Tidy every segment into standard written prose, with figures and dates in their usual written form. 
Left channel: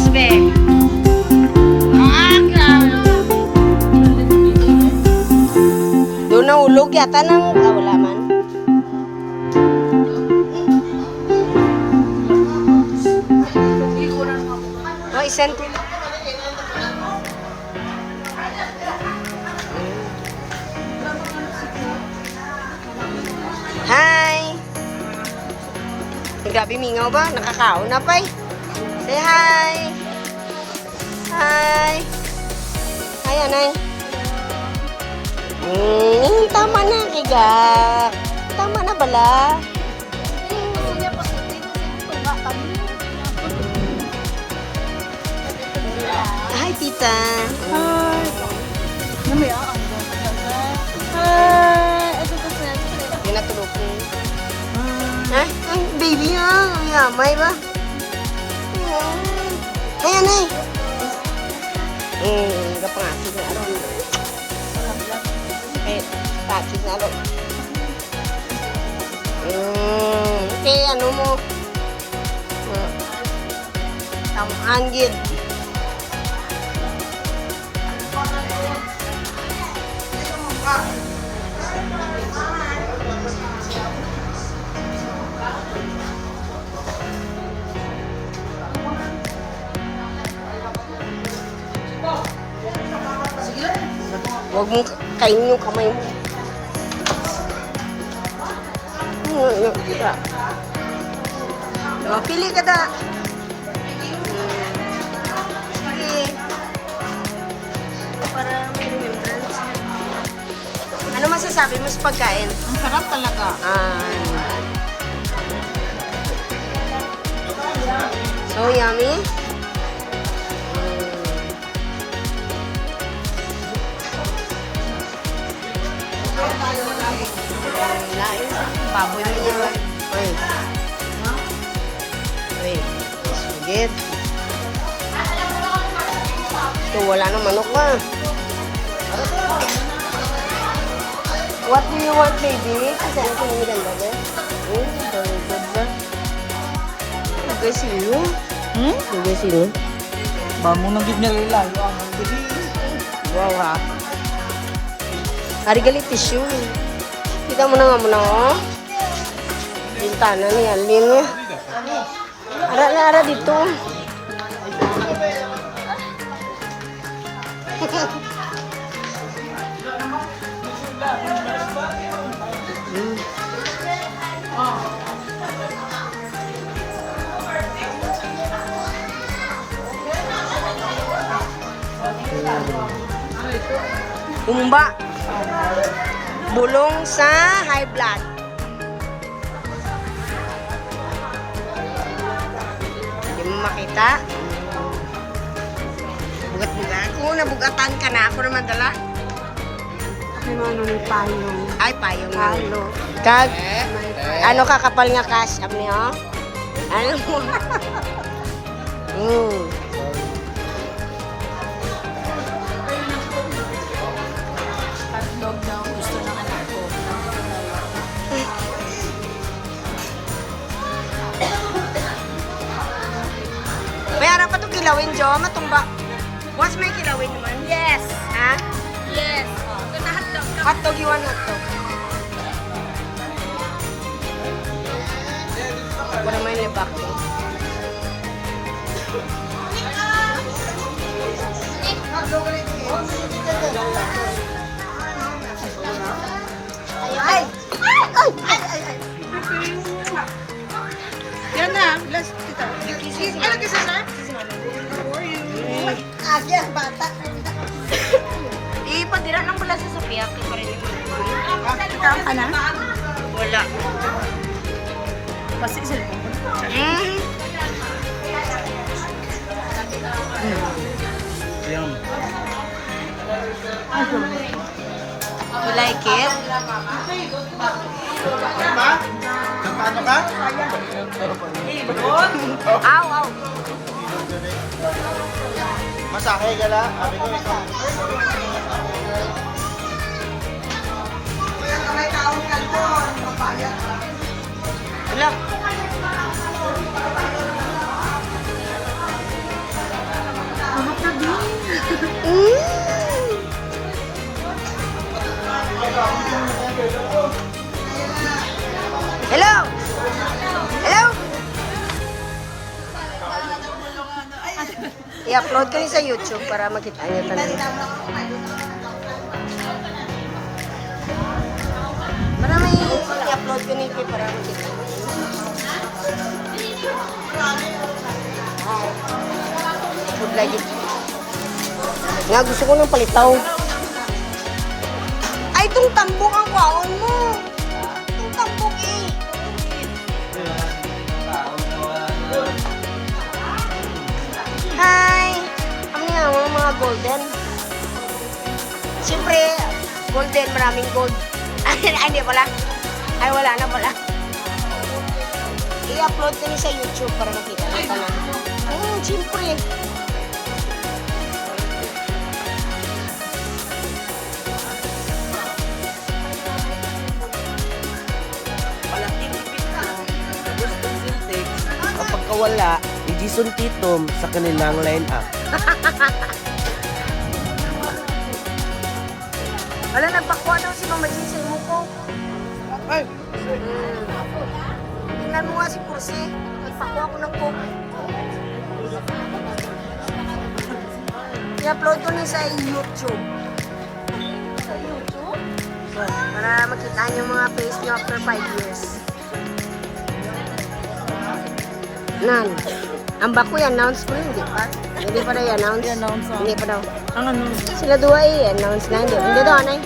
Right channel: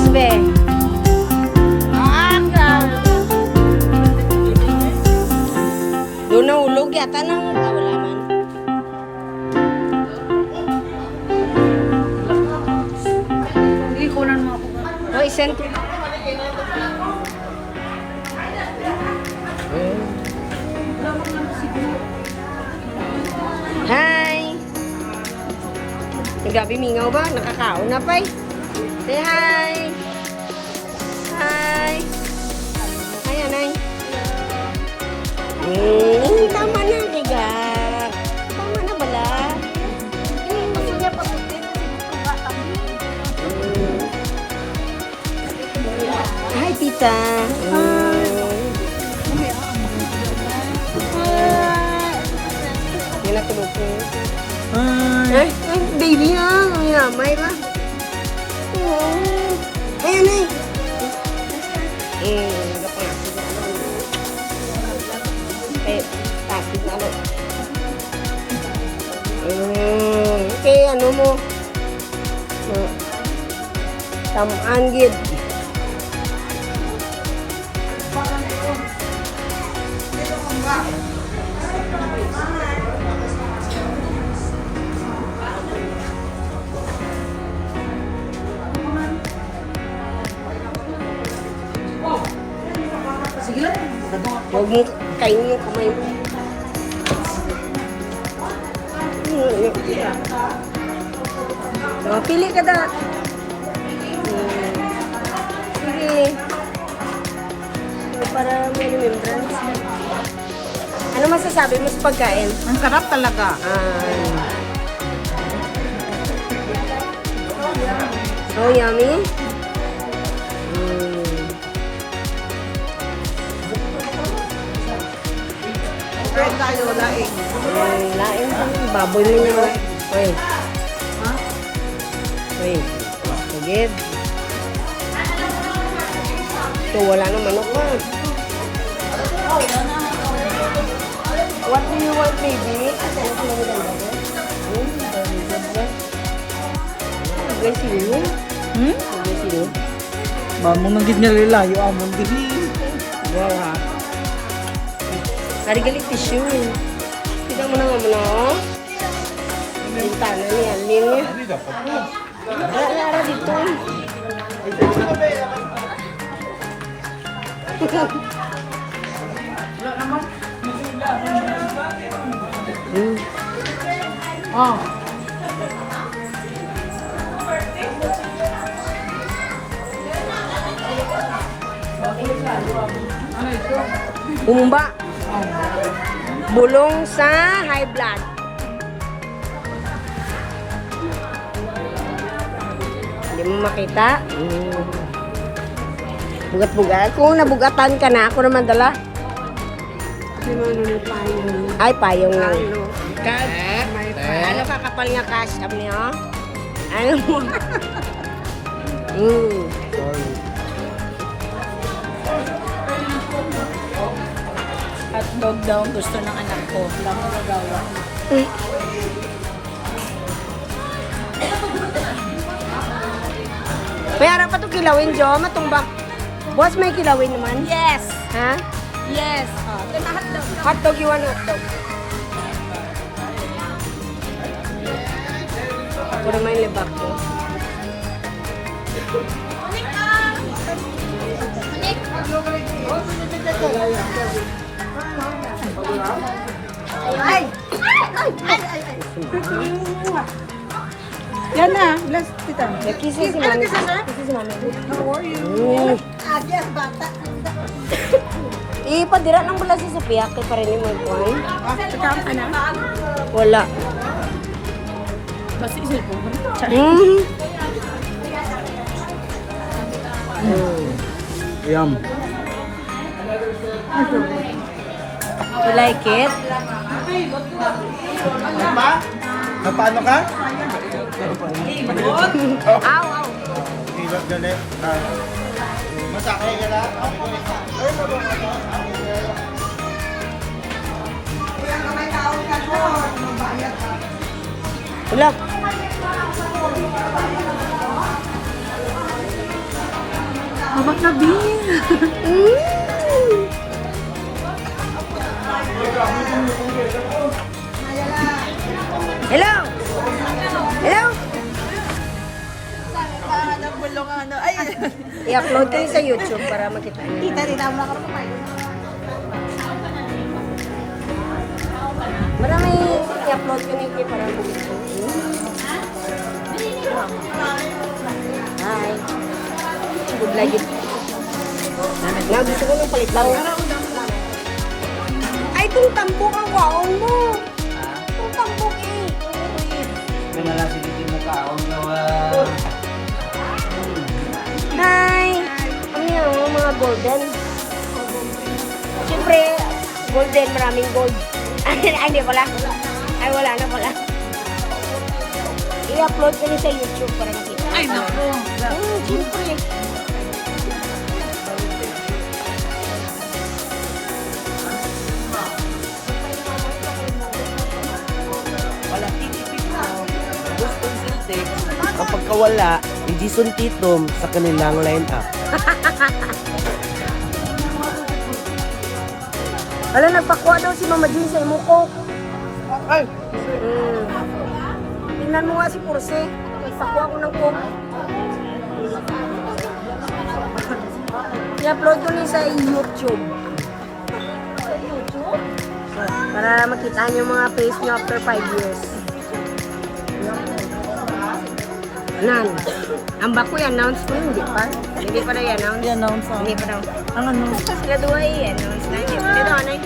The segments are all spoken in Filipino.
Tapos, be. Grabe. Doon nahulog yata ng... wala man. Hindi ko lang mga buga. Oh, isend ko. Hi! Grabe, mingaw ba? Nakakaon na pa eh. Say hi! Hi! Hi, anay. Tama na, kaya. Tama na bala. Hi, tita. Yan na tulog ko. Ay, baby ha. Ang yamay ba? Ay, anay. Kapangasig na ako. Pasig na ako. Okay, ano mo? Tamaan gid. Sige lang. Huwag mong kainin yung kamay mo. Pili ka da. Sige. Para may remembrance. Ano masasabi mo sa pagkain? Ang sarap talaga. So yummy. Kahit tayo, laing. Lain sa baboy mo niya. Uy. Uy. Spaghetti. Ito, wala na manok ba? What do you want, baby? Kasi ano sa mga ganda ba? Very good ba? Huwag sino? Huwag sino? Mamong nang ginalilayo among dihi. Wow ha. Hari galit tissue. Kita mo na nga muna oh. Bintana niya, linya. Ara dito. Umba. Bulong sa high blood. Hindi mo makita. Bugat-bugat. Kung nabugatan ka na, ako naman dala. Kasi ano ni payong. Ay, payong lang. Kag, ano kakapal nga cash up niyo? Ano mo? Hotdog daw gusto ng anak ko. Lamang nagawa. May harap pa ito kilawin, Jo. Matumba. Boss, may kilawin naman. Yes! Ha? Yes! Ito na hotdog. Hotdog, you want hotdog? Ako naman yung libak mo. Ay! Yan na. Bless kita. Nagkisi si mami. Nagkisi si mami. How are you? Agya, bata. Ipadira lang pala sa Sophia. Kaya pa rin yung magkuhan. Katawang ka na? Wala. Basta cellphone ko na. Yum. You like it? Paano ka? Aw, aw. Hilot gali. Masakay ka na? Wala. Hawak na, Bin. Hello! Hello! I-upload ko yun sa YouTube para makita niyo talaga. Marami i-upload ko nito para makita niyo. Hi. Good lagi. Nga, gusto ko ng palitaw. Ay, itong tambok ang kwaon mo. Itong tambok eh. Yan na lang sige na tao gawa. Hi! Ano yan, mga golden? Siyempre, golden, maraming gold. Ay, hindi pala. Ay, wala na pala. I-upload ko niya sa YouTube para makita. Ay, naku. Siyempre. Palating ipit mo, gustong siltik, kapag kawala, i-Jason Titom sa kanilang line-up. Wala, nagpakwa daw si Mama Jean sa imuko. Ay! Tingnan mo nga si Purse. Nagpakwa ko ng coke. I-upload ko niya sa YouTube. Sa YouTube? Para makita niyo mga face niyo after 5 years. Nan. Ang bako i-announce ko hindi pa. Hindi pa na i-announce. I-announce ako. Hindi pa daw. Ang ano? Sila dua i-announce na. Hindi daw, anay.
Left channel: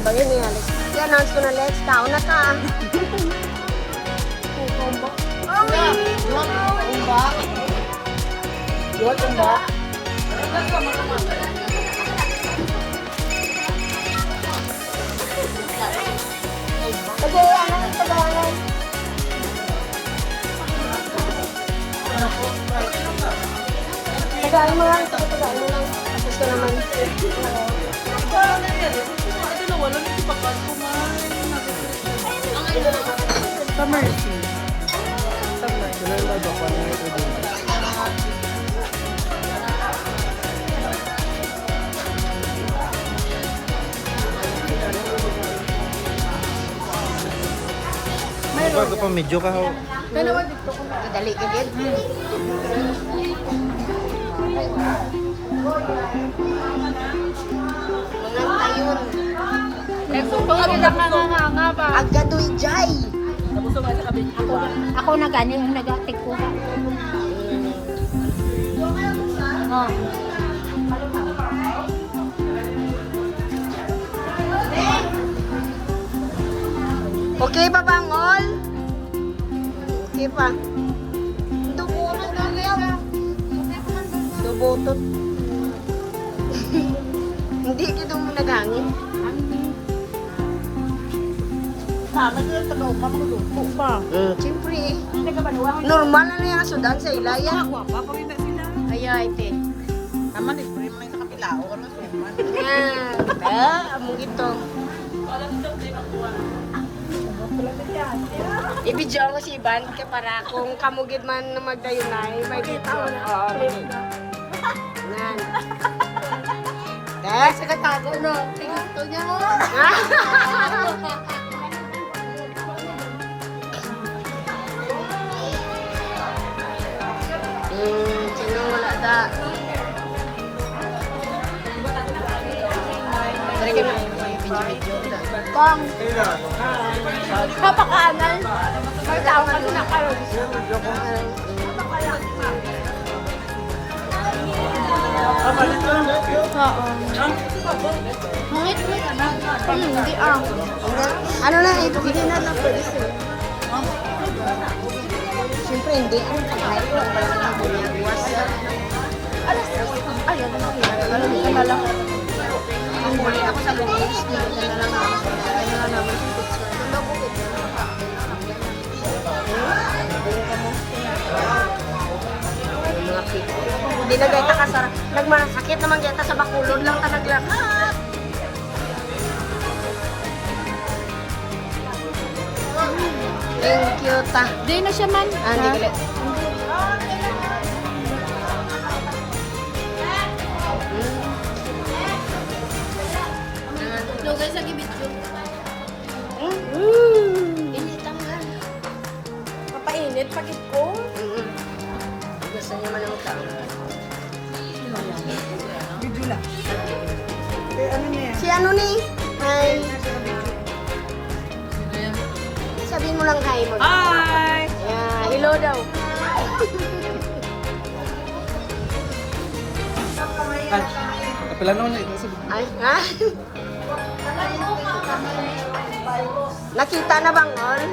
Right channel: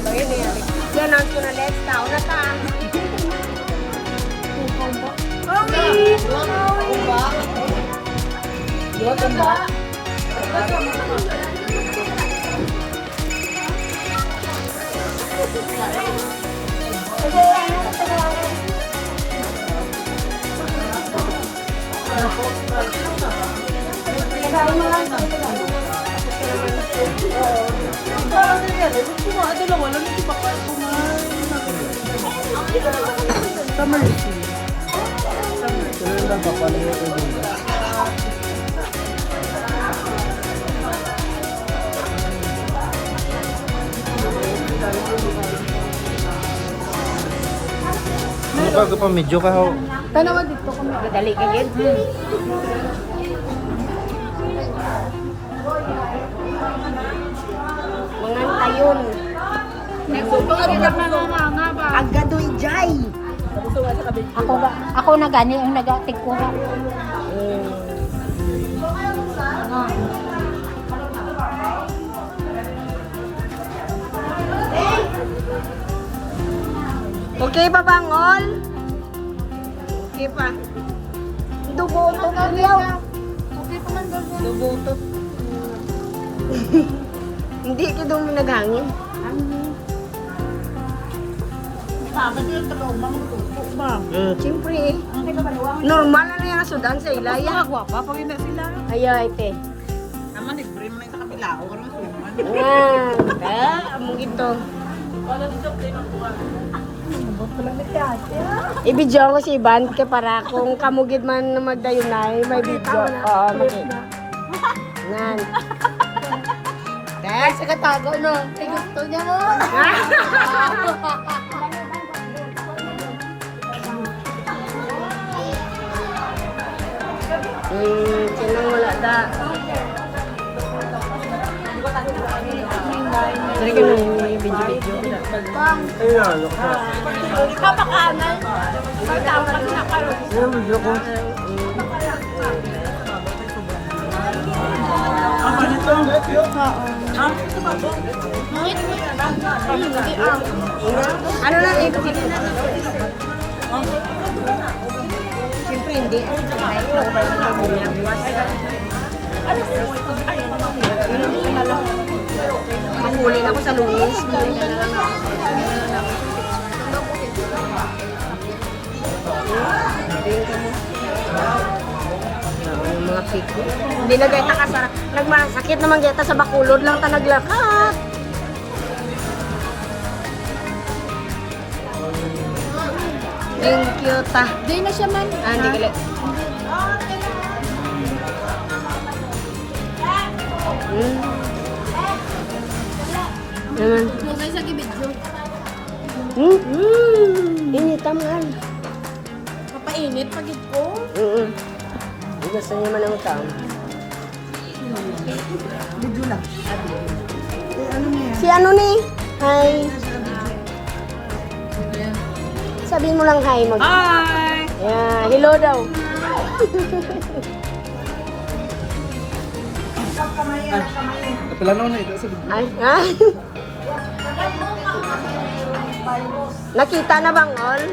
Abay yun eh. I-announce ko na next. Tao na ka. Summer tea. Sila yung nagpapal niya ito din. Ano pa medyo ka ho? Madali ka gid. Mga tayon. Agadoy jay. Ako na gani yung nagatik ko. Okay pa bangol? Okay pa. Dubutot na liyaw. Okay pa man doon. Dubutot. Hindi ka doon mo naghangin. Siyempre eh. Normal na yung sudan sa ilaya. Gwapa pag hindi sila. Ayaw ite. Naman libre mo na yung nakabilao. Yan. Among ito. Ibidyo ko si Ivan ka para kung kamugid man na magdayunay, may video. Clip na. Yan. Ay, sa katago, no? Ay, gusto niya mo. Sino wala da? Pwede kayo may video-video. Kong. Kapakaangal. Pagkaangal ko na kayo. Ano na ito? Siyempre hindi. Kahit mo ba yung magbuwas. Manghuli na ako sa lunis. Mga piko. Hindi na gayta ka sa... Nagmasakit naman gayta sa bakulod lang ta naglakat. Thank you ta. Di na siya man. Hindi ka lagi video. Inita man. Papainit pagit ko. Gusto niya man ang tam. Video lang. Si ano ni? Hi. Sabihin mo lang hi mag. Hi! Yeah, hello daw. Kapila na ito sa Ay, ha? Nakita na bang all?